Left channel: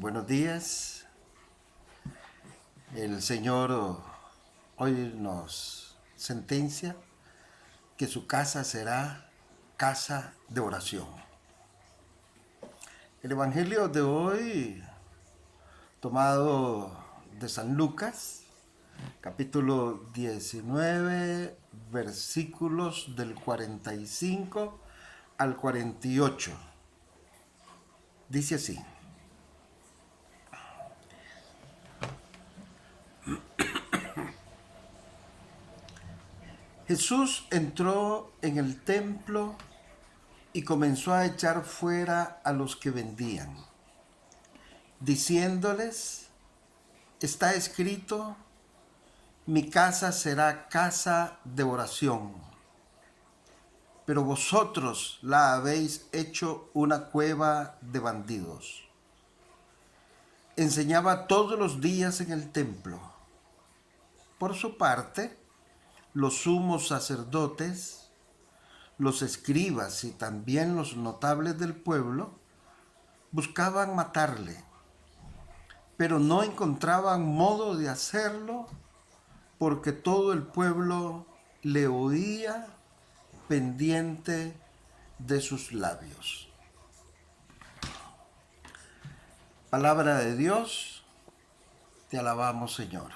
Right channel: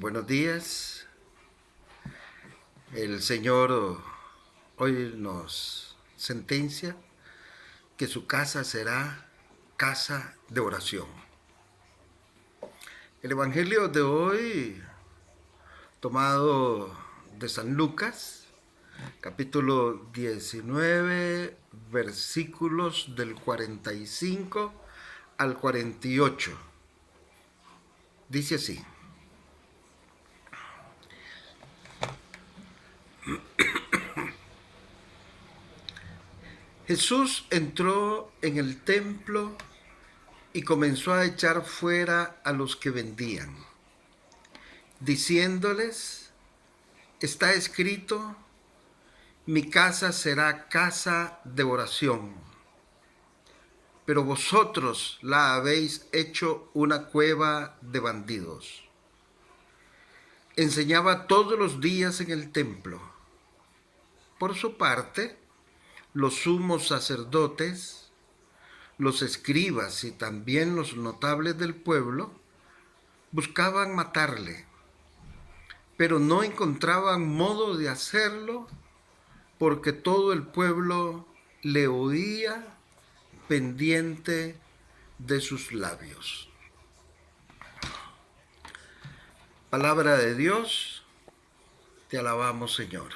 Buenos días. El Señor hoy nos sentencia que su casa será casa de oración. El Evangelio de hoy, tomado de San Lucas, capítulo 19, versículos del 45 al 48. Dice así: Jesús entró en el templo y comenzó a echar fuera a los que vendían, diciéndoles: está escrito, mi casa será casa de oración, pero vosotros la habéis hecho una cueva de bandidos. Enseñaba todos los días en el templo. Por su parte, los sumos sacerdotes, los escribas y también los notables del pueblo buscaban matarle, pero no encontraban modo de hacerlo porque todo el pueblo le oía pendiente de sus labios. Palabra de Dios, te alabamos, Señor.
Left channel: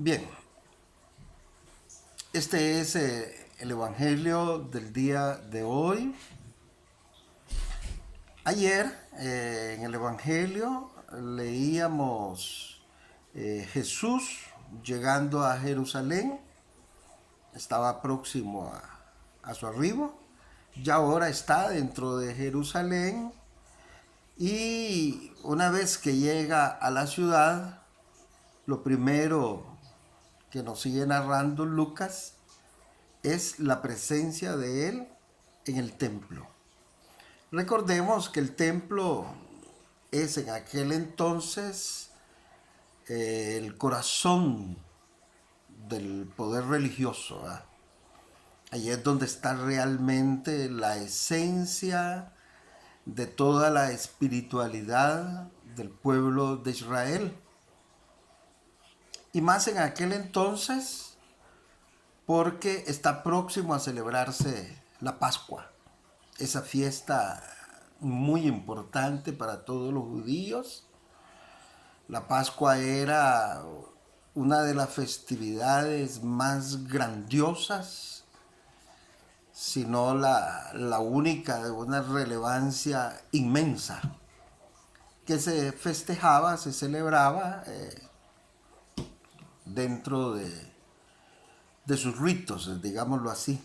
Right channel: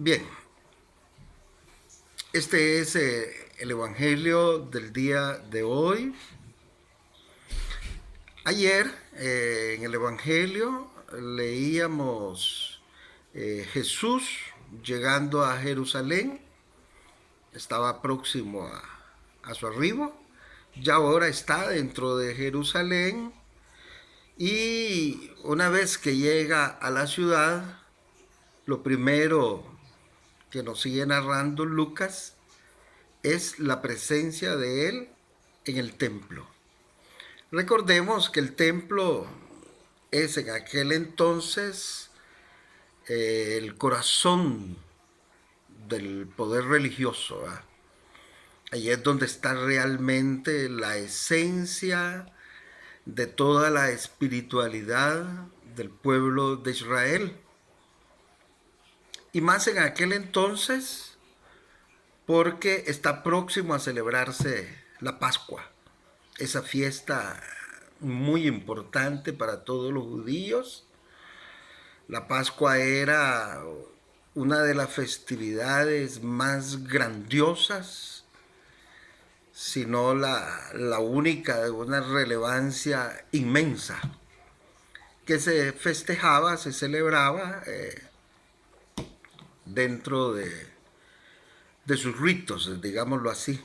Bien, este es el Evangelio del día de hoy. Ayer en el Evangelio leíamos Jesús llegando a Jerusalén, estaba próximo a su arribo, ya ahora está dentro de Jerusalén y una vez que llega a la ciudad, lo primero que nos sigue narrando Lucas es la presencia de él en el templo. Recordemos que el templo es en aquel entonces el corazón del poder religioso. Ahí es donde está realmente la esencia de toda la espiritualidad del pueblo de Israel. Y más en aquel entonces porque está próximo a celebrarse la Pascua, esa fiesta muy importante para todos los judíos. La Pascua era una de las festividades más grandiosas, si no la única de una relevancia inmensa, que se festejaba, se celebraba dentro de sus ritos, digámoslo así.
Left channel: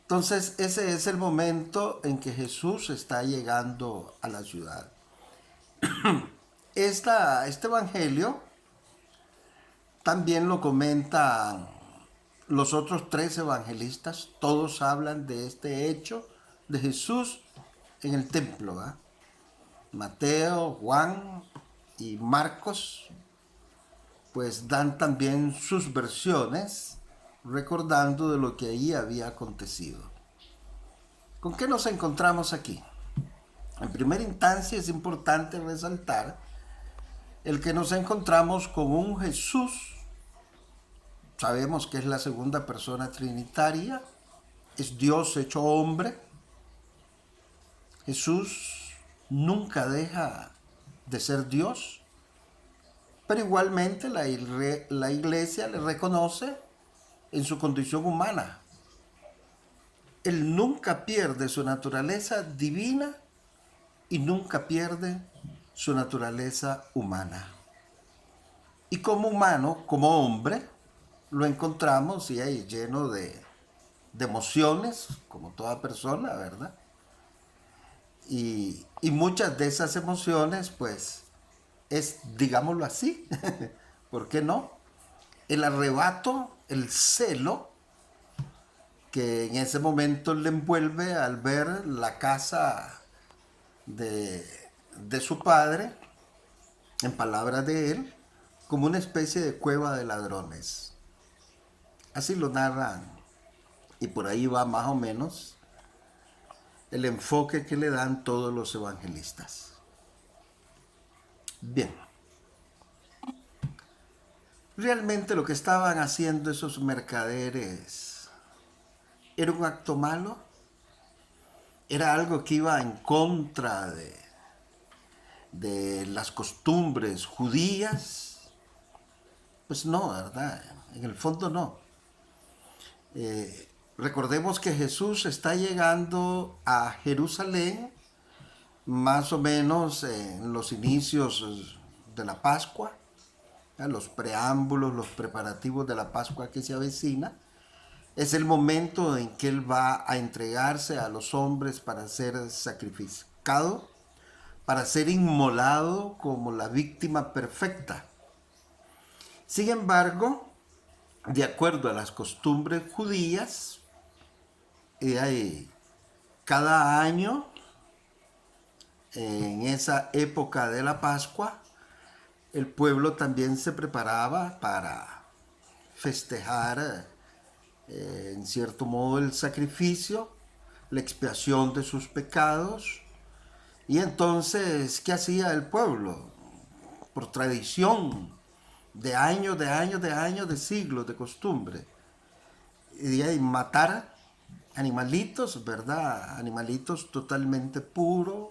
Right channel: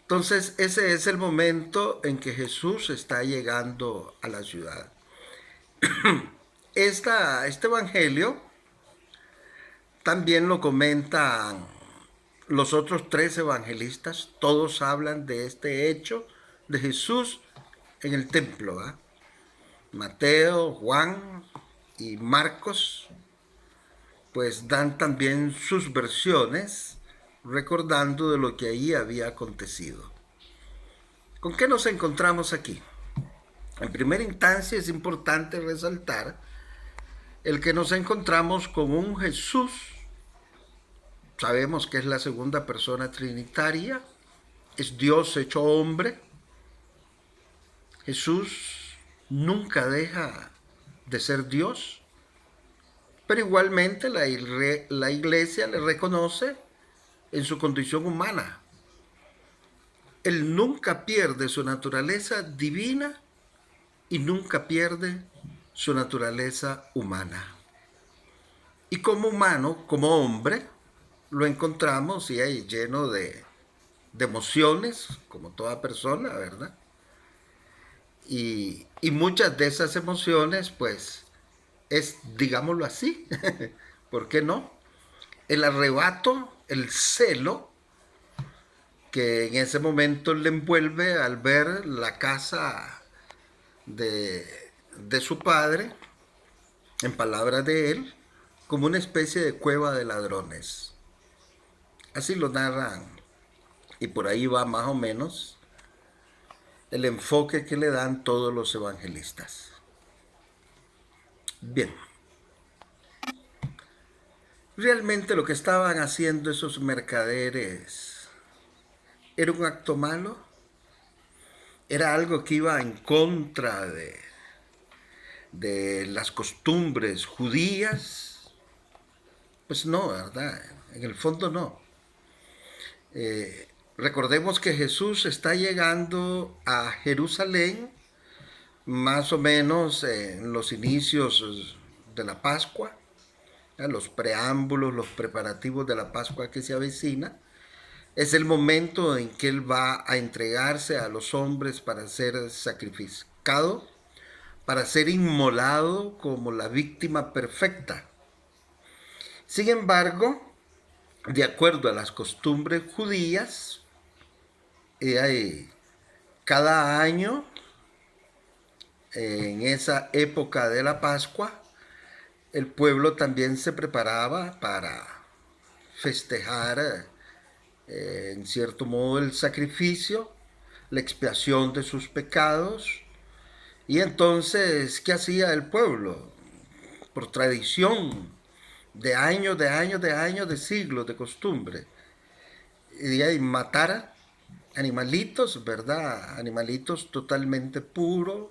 Entonces ese es el momento en que Jesús está llegando a la ciudad. Este evangelio también lo comentan los otros tres evangelistas. Todos hablan de este hecho de Jesús en el templo. Mateo, Juan y Marcos pues dan también sus versiones recordando de lo que ahí había acontecido. ¿Con qué nos encontramos aquí? En primera instancia es importante resaltar el que nos encontramos con un Jesús. Sabemos que es la segunda persona trinitaria, es Dios hecho hombre. Jesús nunca deja de ser Dios, pero igualmente la iglesia le reconoce en su condición humana. Él nunca pierde su naturaleza divina y nunca pierde su naturaleza humana. Y como humano, como hombre, lo encontramos y ahí lleno de emociones, como toda persona, ¿verdad? Y muchas de esas emociones, pues, es, digámoslo así, ¿por qué no? El arrebato, el celo que en ese momento le envuelve al ver la casa de su padre, en palabras de él, como una especie de cueva de ladrones. Así lo narran y por ahí va más o menos el enfoque que le dan todos los evangelistas. Bien, realmente lo que estaban haciendo esos mercaderes era un acto malo, era algo que iba en contra de las costumbres judías. Pues no, ¿verdad? En el fondo no. Recordemos que Jesús está llegando a Jerusalén más o menos en los inicios de la Pascua, los preámbulos, los preparativos de la Pascua que se avecina. Es el momento en que Él va a entregarse a los hombres para ser sacrificado, para ser inmolado como la víctima perfecta. Sin embargo, de acuerdo a las costumbres judías, cada año, en esa época de la Pascua, el pueblo también se preparaba para festejar, en cierto modo, el sacrificio, la expiación de sus pecados. Y entonces, ¿qué hacía el pueblo? Por tradición, de años, de años, de años, de siglos, de costumbre. Y matar animalitos, ¿verdad? Animalitos totalmente puros,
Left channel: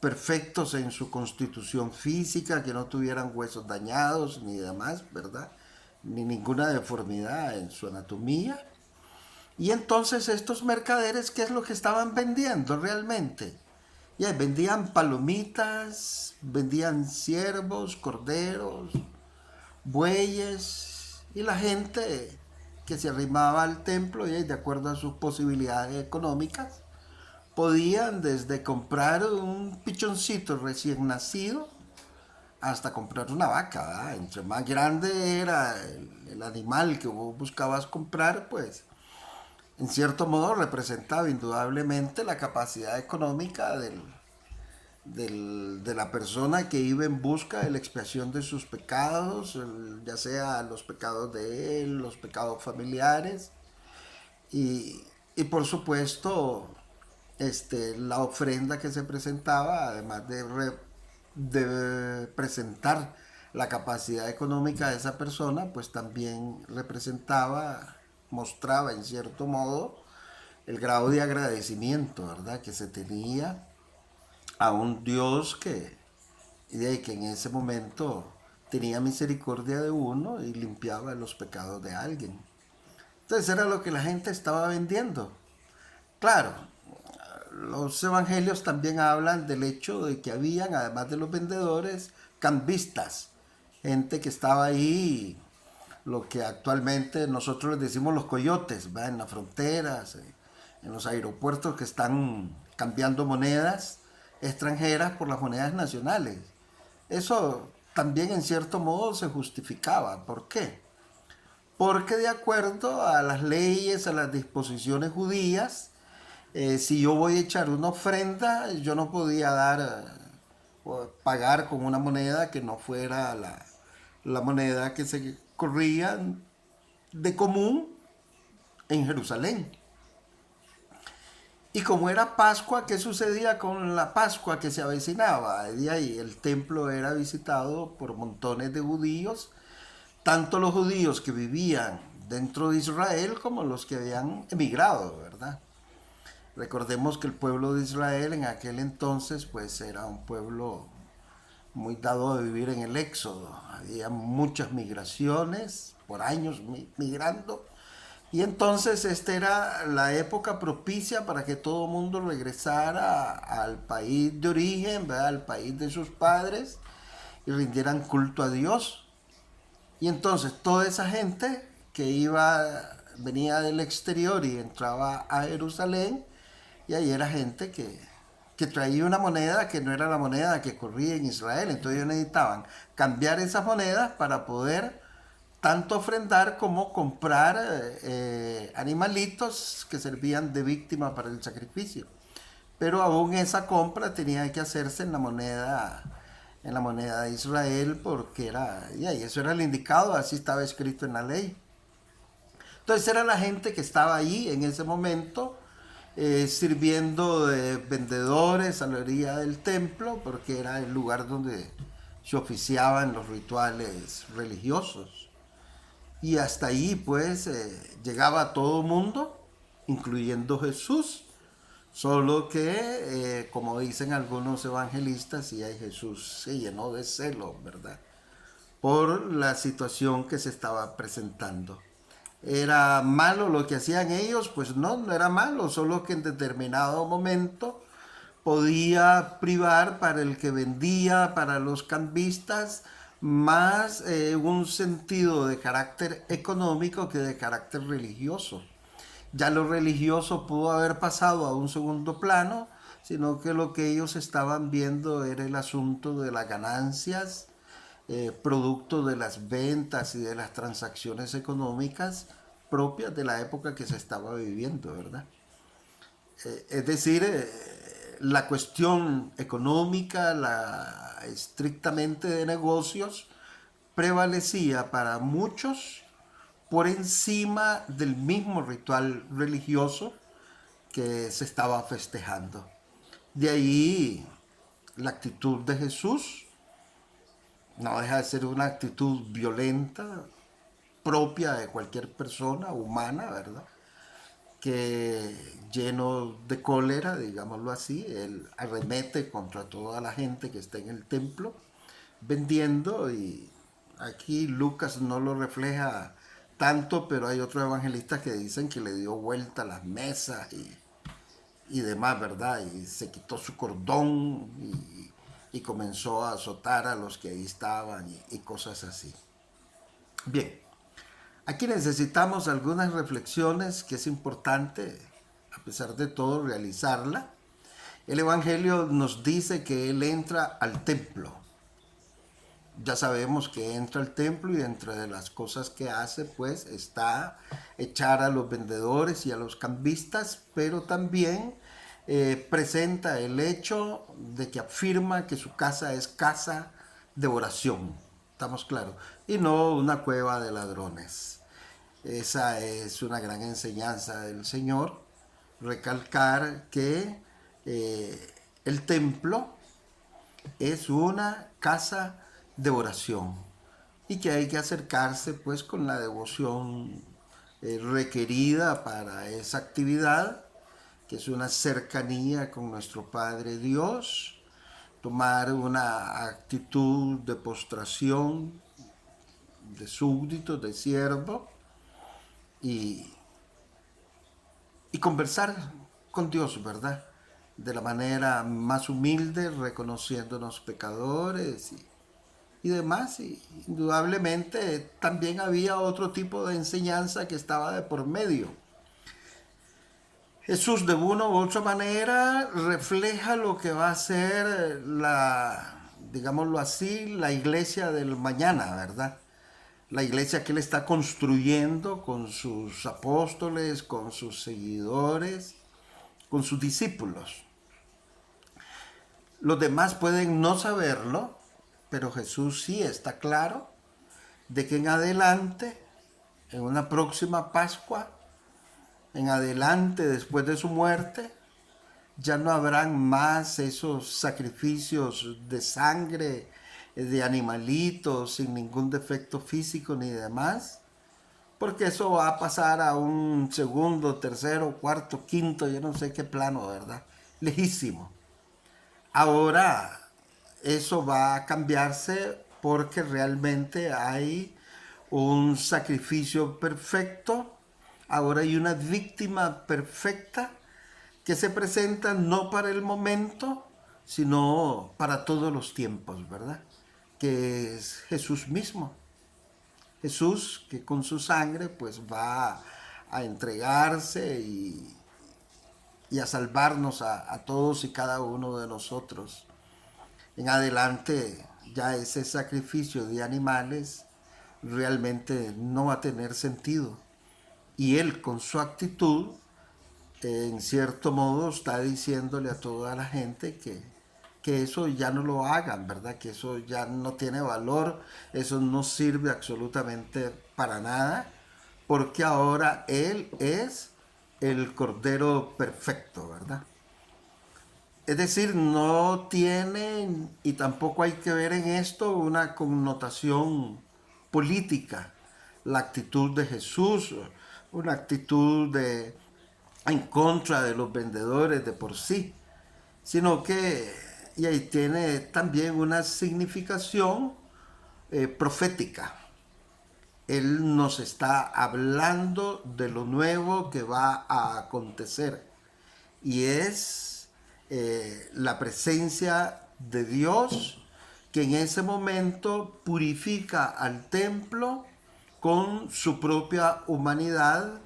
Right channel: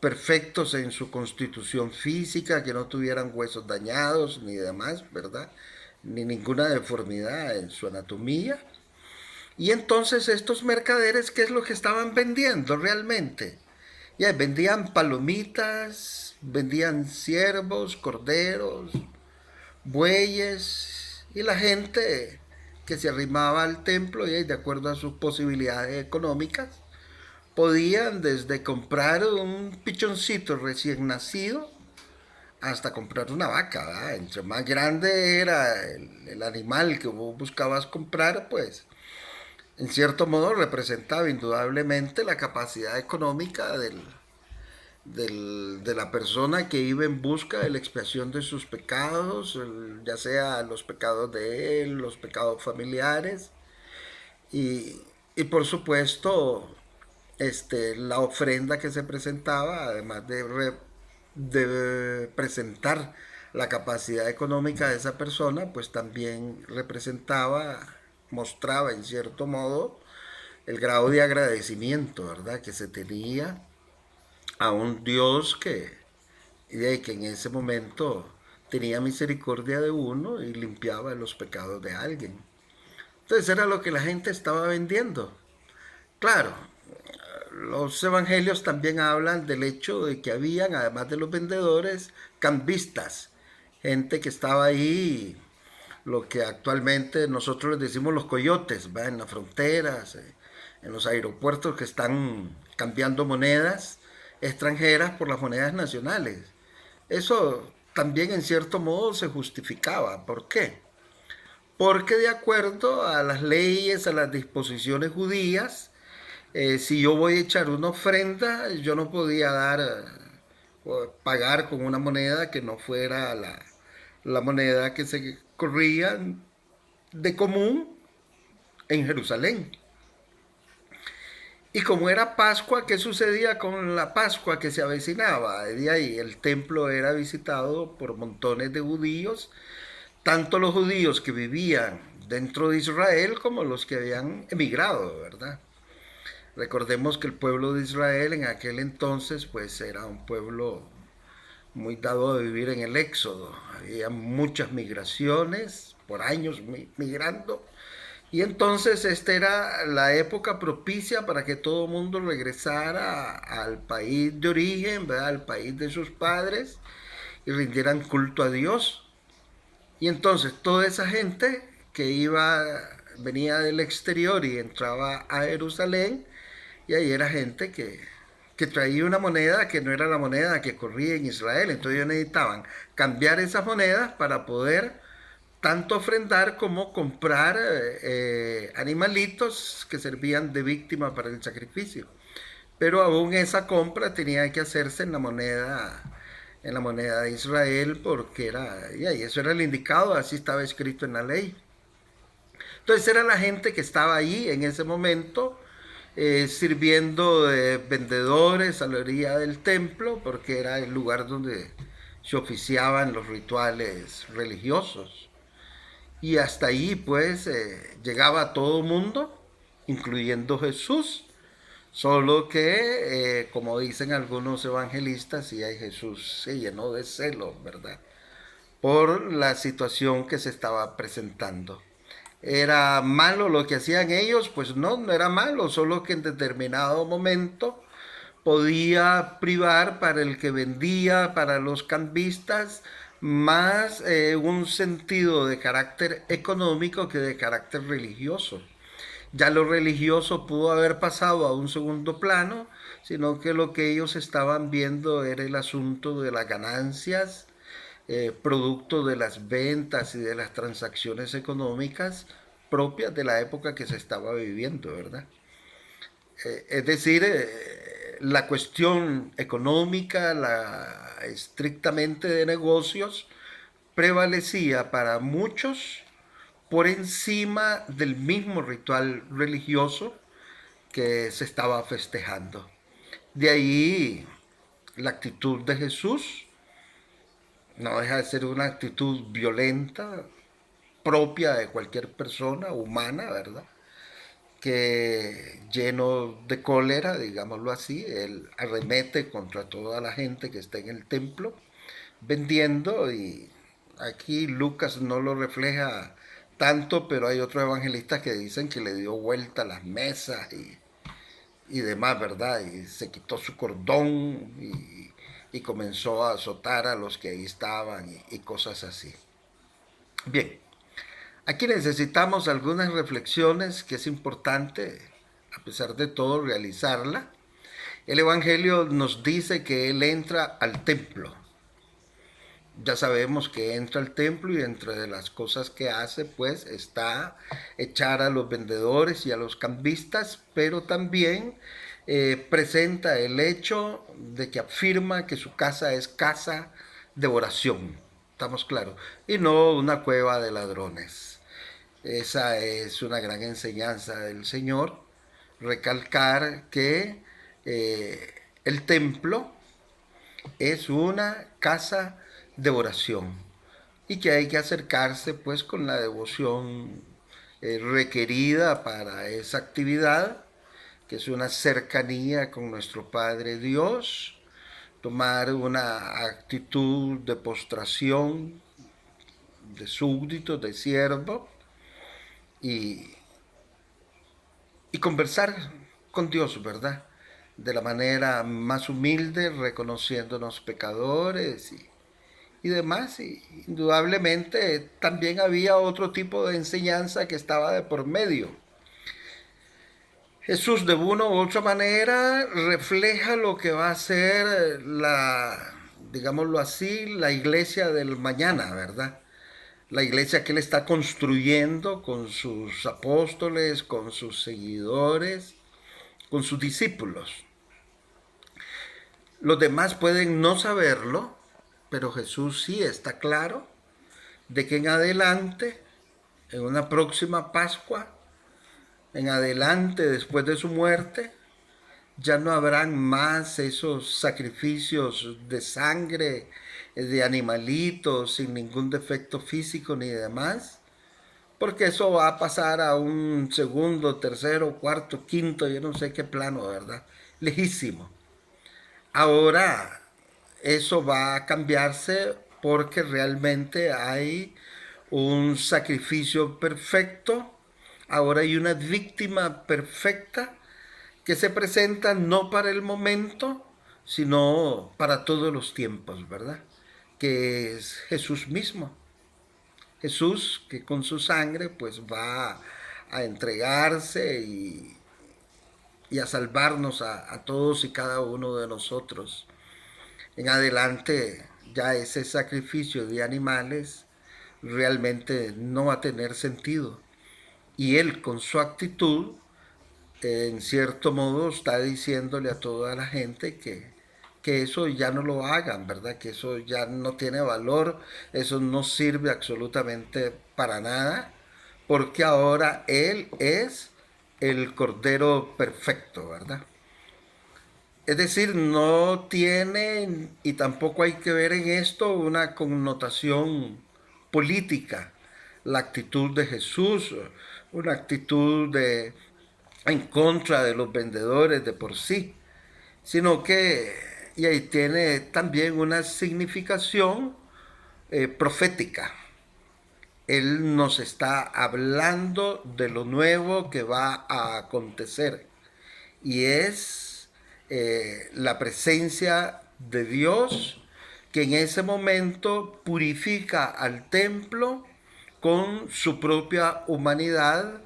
perfectos en su constitución física, que no tuvieran huesos dañados ni demás, ¿verdad? Ni ninguna deformidad en su anatomía. Y entonces estos mercaderes, ¿qué es lo que estaban vendiendo realmente? Ya, vendían palomitas, vendían ciervos, corderos, bueyes, y la gente que se arrimaba al templo, y de acuerdo a sus posibilidades económicas, podían desde comprar un pichoncito recién nacido hasta comprar una vaca, ¿verdad? Entre más grande era el animal que vos buscabas comprar, pues en cierto modo representaba indudablemente la capacidad económica de la persona que iba en busca de la expiación de sus pecados, ya sea los pecados de él, los pecados familiares, y por supuesto la ofrenda que se presentaba, además de presentar la capacidad económica de esa persona, pues también representaba, mostraba en cierto modo el grado de agradecimiento, ¿verdad?, que se tenía a un Dios que en ese momento tenía misericordia de uno y limpiaba los pecados de alguien. Entonces era lo que la gente estaba vendiendo. Claro, los evangelios también hablan del hecho de que habían, además de los vendedores, cambistas, gente que estaba ahí, lo que actualmente nosotros les decimos los coyotes, ¿va? En las fronteras, en los aeropuertos, que están cambiando monedas extranjeras por las monedas nacionales. Eso también en cierto modo se justificaba. ¿Por qué? Porque de acuerdo a las leyes, a las disposiciones judías, si yo voy a echar una ofrenda, yo no podía o pagar con una moneda que no fuera la moneda que se corría de común en Jerusalén. Y como era Pascua, ¿qué sucedía con la Pascua que se avecinaba? De ahí el templo era visitado por montones de judíos, tanto los judíos que vivían dentro de Israel como los que habían emigrado, ¿verdad? Recordemos que el pueblo de Israel en aquel entonces pues era un pueblo muy dado a vivir en el éxodo. Había muchas migraciones, por años migrando. Y entonces esta era la época propicia para que todo el mundo regresara al país de origen, ¿verdad?, al país de sus padres, y rindieran culto a Dios. Y entonces toda esa gente que venía del exterior y entraba a Jerusalén, y ahí era gente que traía una moneda que no era la moneda que corría en Israel. Entonces ellos necesitaban cambiar esas monedas para poder tanto ofrendar como comprar animalitos que servían de víctima para el sacrificio. Pero aún esa compra tenía que hacerse en la moneda de Israel, porque y eso era el indicado, así estaba escrito en la ley. Entonces era la gente que estaba allí en ese momento, sirviendo de vendedores a la orilla del templo, porque era el lugar donde se oficiaban los rituales religiosos. Y hasta ahí pues llegaba todo mundo, incluyendo Jesús. Solo que, como dicen algunos evangelistas, y ahí Jesús se llenó de celo, ¿verdad? Por la situación que se estaba presentando. ¿Era malo lo que hacían ellos? Pues no, no era malo, solo que en determinado momento podía privar para el que vendía, para los cambistas, más un sentido de carácter económico que de carácter religioso. Ya lo religioso pudo haber pasado a un segundo plano, sino que lo que ellos estaban viendo era el asunto de las ganancias, producto de las ventas y de las transacciones económicas propias de la época que se estaba viviendo, ¿verdad? Es decir, la cuestión económica, la estrictamente de negocios, prevalecía para muchos por encima del mismo ritual religioso que se estaba festejando. De ahí la actitud de Jesús no deja de ser una actitud violenta, propia de cualquier persona humana, ¿verdad? Que lleno de cólera, digámoslo así, él arremete contra toda la gente que está en el templo vendiendo, y aquí Lucas no lo refleja tanto, pero hay otros evangelistas que dicen que le dio vuelta a las mesas y demás, ¿verdad? Y se quitó su cordón y comenzó a azotar a los que ahí estaban y cosas así. Bien, aquí necesitamos algunas reflexiones que es importante, a pesar de todo, realizarla. El Evangelio nos dice que Él entra al templo. Ya sabemos que entra al templo y entre de las cosas que hace, pues, está echar a los vendedores y a los cambistas, pero también presenta el hecho de que afirma que su casa es casa de oración. ¿Estamos claros? Y no una cueva de ladrones. Esa es una gran enseñanza del Señor, recalcar que el templo es una casa de oración y que hay que acercarse pues con la devoción requerida para esa actividad, que es una cercanía con nuestro Padre Dios, tomar una actitud de postración, de súbdito, de siervo, y, y conversar con Dios, ¿verdad? De la manera más humilde, reconociéndonos pecadores y demás. Y indudablemente también había otro tipo de enseñanza que estaba de por medio. Jesús de una u otra manera refleja lo que va a ser digámoslo así, la iglesia del mañana, ¿verdad? La iglesia que él está construyendo con sus apóstoles, con sus seguidores, con sus discípulos. Los demás pueden no saberlo, pero Jesús sí está claro de que en adelante, en una próxima Pascua, en adelante, después de su muerte, ya no habrán más esos sacrificios de sangre, de animalitos, sin ningún defecto físico ni demás, porque eso va a pasar a un segundo, tercero, cuarto, quinto, yo no sé qué plano, ¿verdad? Lejísimo. Ahora eso va a cambiarse porque realmente hay un sacrificio perfecto, ahora hay una víctima perfecta que se presenta no para el momento, sino para todos los tiempos, ¿verdad? Que es Jesús mismo. Jesús que con su sangre pues va a entregarse y a salvarnos a todos y cada uno de nosotros. En adelante ya ese sacrificio de animales realmente no va a tener sentido. Y él con su actitud, en cierto modo, está diciéndole a toda la gente que eso ya no lo hagan, ¿verdad? Que eso ya no tiene valor, eso no sirve absolutamente para nada, porque ahora él es el Cordero Perfecto, ¿verdad? Es decir, no tiene, y tampoco hay que ver en esto una connotación política, la actitud de Jesús, una actitud en contra de los vendedores de por sí, sino que y ahí tiene también una significación profética. Él nos está hablando de lo nuevo que va a acontecer y es la presencia de Dios que en ese momento purifica al templo con su propia humanidad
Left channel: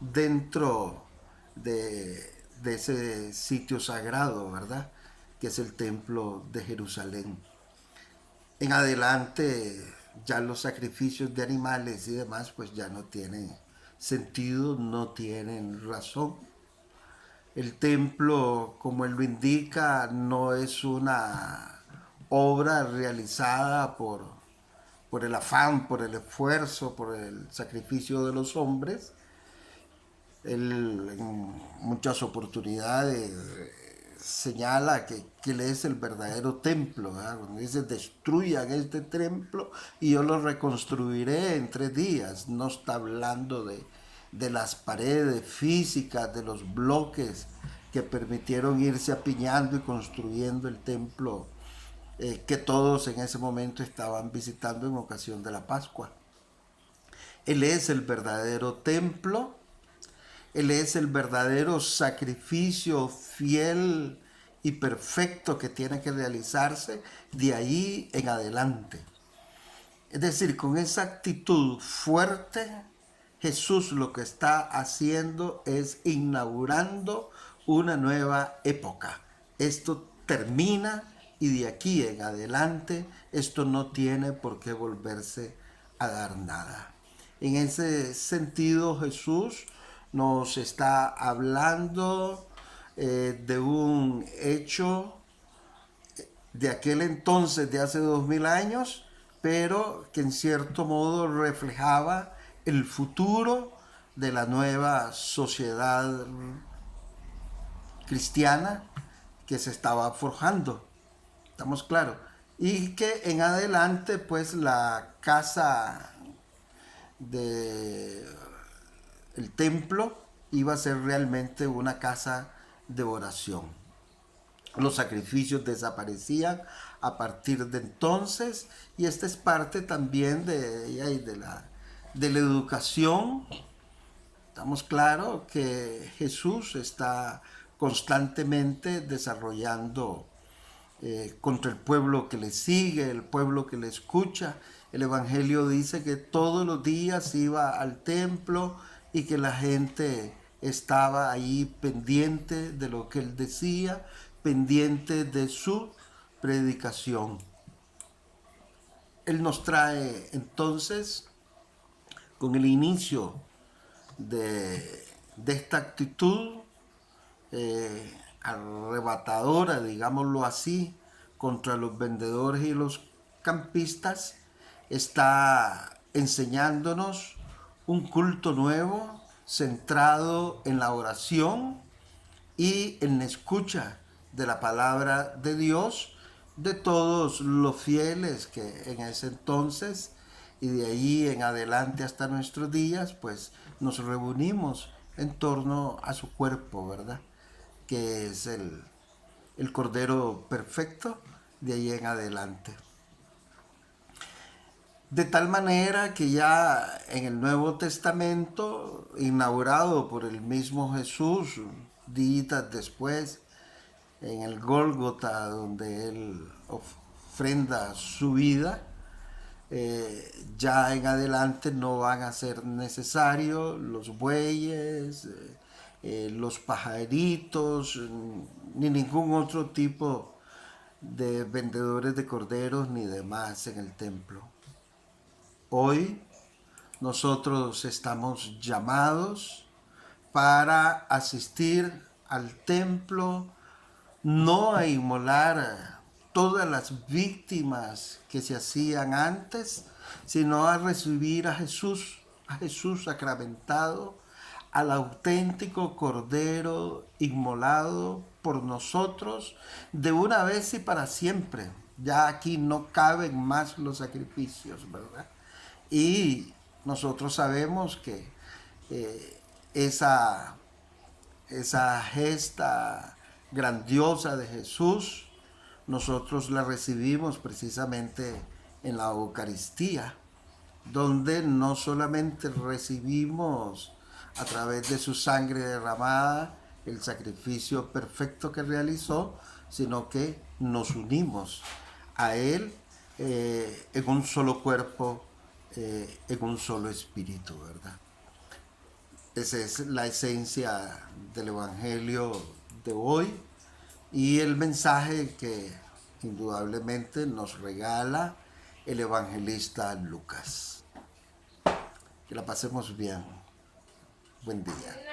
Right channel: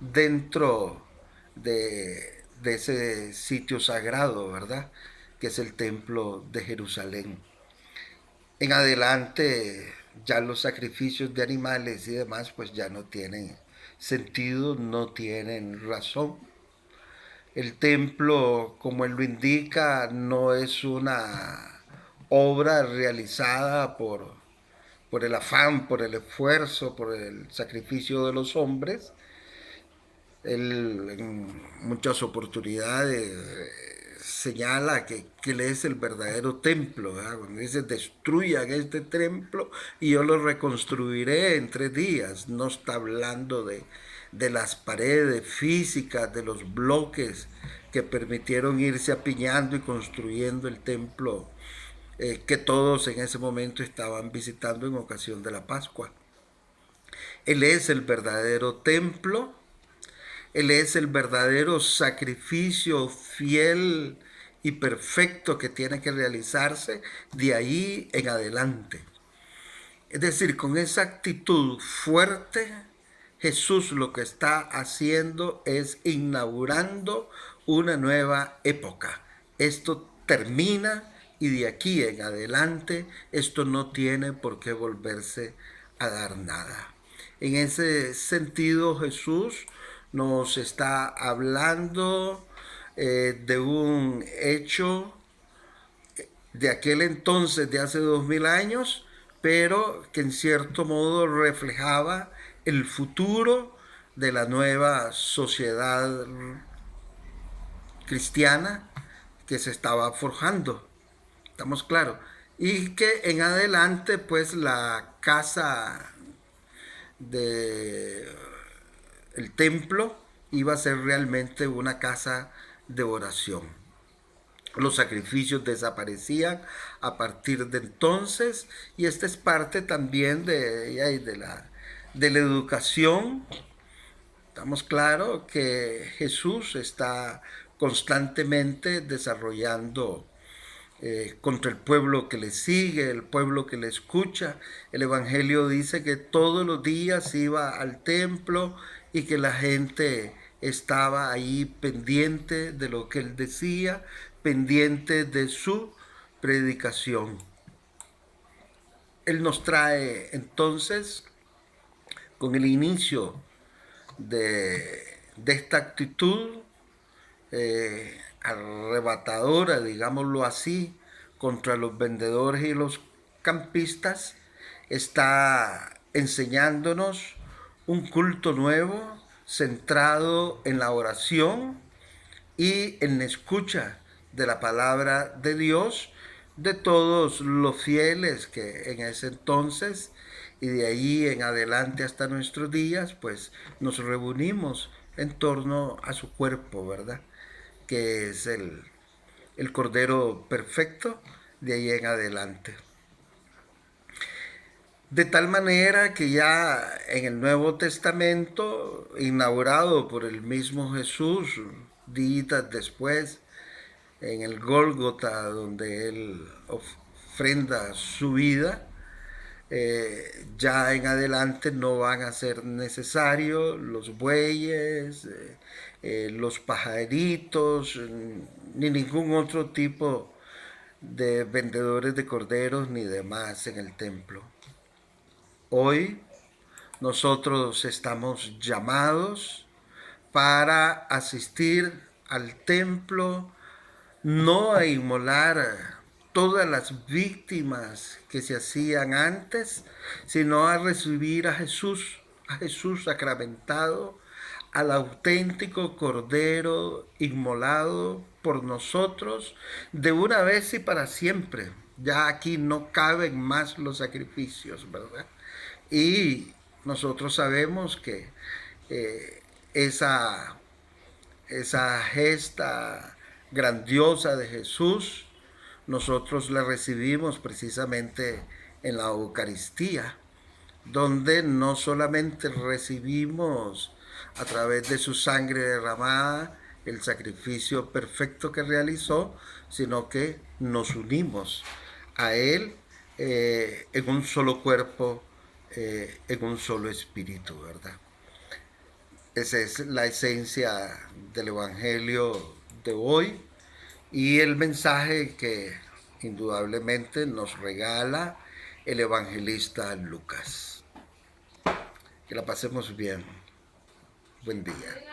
dentro de ese sitio sagrado, ¿verdad? Que es el templo de Jerusalén. En adelante ya los sacrificios de animales y demás pues ya no tienen sentido, no tienen razón. El templo, como él lo indica, no es una obra realizada por el afán, por el esfuerzo, por el sacrificio de los hombres. Él en muchas oportunidades señala que él es el verdadero templo, ¿verdad? Cuando dice destruyan este templo y yo lo reconstruiré en 3 días, no está hablando de las paredes físicas, de los bloques que permitieron irse apiñando y construyendo el templo que todos en ese momento estaban visitando en ocasión de la Pascua. Él es el verdadero templo. Él es el verdadero sacrificio fiel y perfecto que tiene que realizarse de ahí en adelante. Es decir, con esa actitud fuerte, Jesús lo que está haciendo es inaugurando una nueva época. Esto termina y de aquí en adelante esto no tiene por qué volverse a dar nada. En ese sentido, Jesús nos está hablando de un hecho de aquel entonces, de hace 2000 años, pero que en cierto modo reflejaba el futuro de la nueva sociedad cristiana que se estaba forjando. ¿Estamos claros? Y que en adelante, pues la casa de el templo iba a ser realmente una casa de oración. Los sacrificios desaparecían a partir de entonces y esta es parte también de la educación. Estamos claros que Jesús está constantemente desarrollando contra el pueblo que le sigue, el pueblo que le escucha. El Evangelio dice que todos los días iba al templo y que la gente estaba ahí pendiente de lo que él decía, pendiente de su predicación. Él nos trae entonces, con el inicio de esta actitud arrebatadora, digámoslo así, contra los vendedores y los campistas, está enseñándonos un culto nuevo centrado en la oración y en la escucha de la palabra de Dios de todos los fieles que en ese entonces y de ahí en adelante hasta nuestros días, pues nos reunimos en torno a su cuerpo, ¿verdad? Que es el Cordero Perfecto de ahí en adelante. De tal manera que ya en el Nuevo Testamento, inaugurado por el mismo Jesús, días después, en el Gólgota, donde él ofrenda su vida, ya en adelante no van a ser necesarios los bueyes, los pajaritos, ni ningún otro tipo de vendedores de corderos ni demás en el templo. Hoy nosotros estamos llamados para asistir al templo, no a inmolar todas las víctimas que se hacían antes, sino a recibir a Jesús sacramentado, al auténtico Cordero inmolado por nosotros de una vez y para siempre. Ya aquí no caben más los sacrificios, ¿verdad? Y nosotros sabemos que eh, esa, esa gesta grandiosa de Jesús, nosotros la recibimos precisamente en la Eucaristía, donde no solamente recibimos a través de su sangre derramada el sacrificio perfecto que realizó, sino que nos unimos a Él en un solo cuerpo, en un solo espíritu, ¿verdad? Esa es la esencia del Evangelio de hoy y el mensaje que indudablemente nos regala el evangelista Lucas. Que la pasemos bien. Buen día.